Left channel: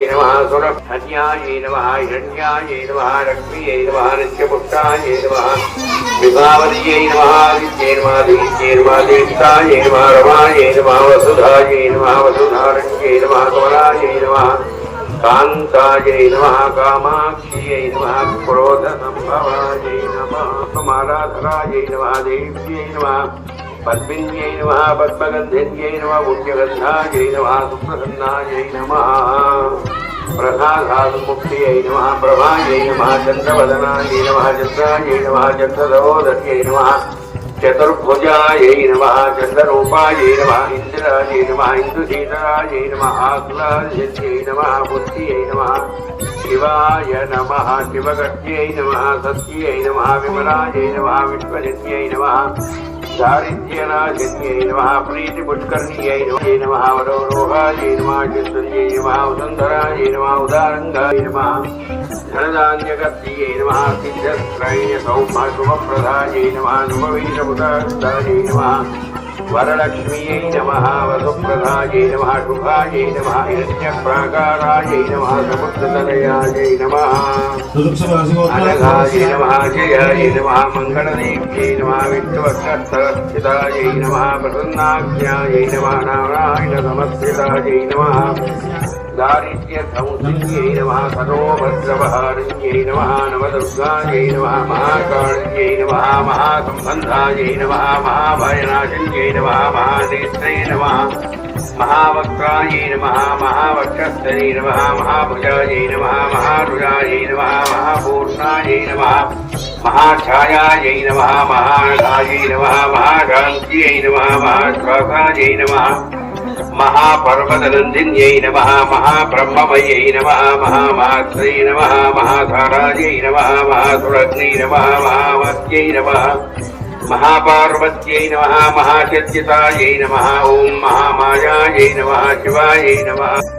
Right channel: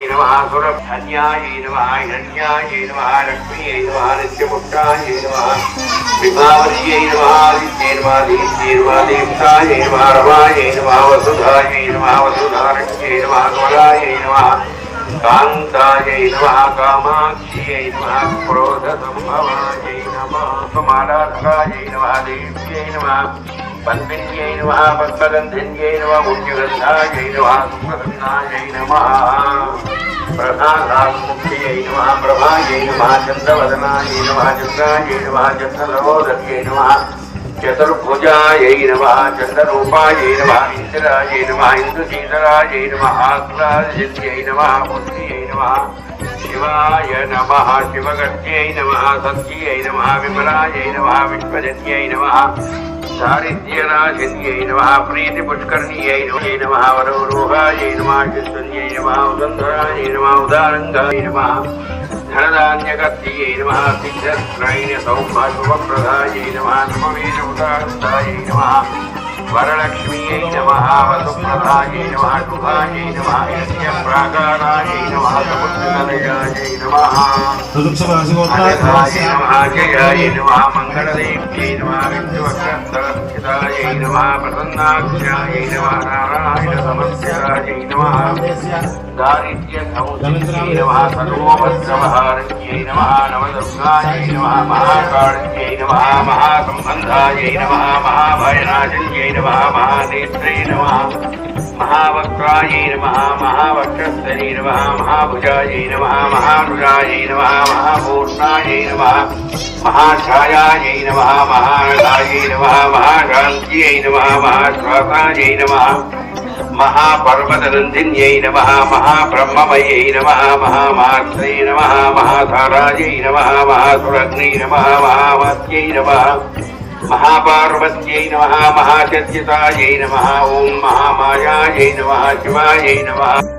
नमः गुणधन्याय नमः हिरण्याय नमः लक्ष्मीयै नमः नित्यपुत्राय नमः विभावर्यै नमः आदित्यै नमः दीप्त्यै नमः दीप्ताय नमः रमाय नमः वसुधाय नमः वसुधारण्यै नमः कमलाय नमः कान्ताय नमः कामाक्ष्यै नमः क्रोधसम्भवाय नमः कमलाधराय नमः देव्यै नमः पद्मिन्यै नमः पद्मगन्धिन्यै नमः पुण्यगन्धायै नमः सुप्रसन्नायै नमः प्रसादात्मुक्त्यै नमः प्रभायै नमः चन्द्रवदनाय नमः चन्द्रायै नमः चन्द्रसहोदर्यै नमः चतुर्भुजायै नमः चन्द्ररूपायै नमः इन्द्रायै नमः इन्दुशीतलायै नमः आह्लादसिद्ध्यै नमः बुद्ध्यै नमः शिवाय नमः शिवगत्यै नमः सत्यै नमः विमलायै नमः विश्वजन्यै नमः दारिद्र्यनाशिन्यै नमः प्रीतिपुष्कर्ण्यै नमः वरवरोहायै नमः चित्तन्यै नमः उदन्धरायै नमः उदारङ्गाय नमः धनधान्यगत्यै नमः सिद्धस्त्रैः सौभाग्यप्रदायै नमः नमवीरमुदारन्दायै नमः वरलक्ष्म्यै नमः वसुप्रदायै नमः शुभायै नमः हिरण्यप्राकारायै नमः समुद्रतनयायै नमः अनघायै नमः जयाय नमः मङ्गलदेव्यै नमः विष्णुवक्रस्थलस्थितायै नमः प्रसन्नाख्यायै नमः नारायणसमस्यायै नमः दारिद्र्यसंसिद्ध्यै नमः सर्वोपद्रवहारिण्यै नमः नवदुर्गायै नमः महाकाळ्यै नमः महासम्बन्धायै नमः महाभयनाशिन्यै नमः महादेत्यै नमः महावक्त्रायै नमः महावक्षस्थलै नमः महाभुजायै नमः महाभुजायै नमः महापूर्णायै नमः महाछायायै नमः महारथायै नमः महाकान्त्यै नमः महाश्वासायै नमः महापर्वतनन्दिन्यै नमः महाब्रह्ममयै नमः महामात्रै नमः महाधारायै नमः महासुरग्नै नमः महावात्यै नमः महापार्वत्यै नमः महाचर्चितायै नमः ॐ महामायायै नमः शिवायै नमः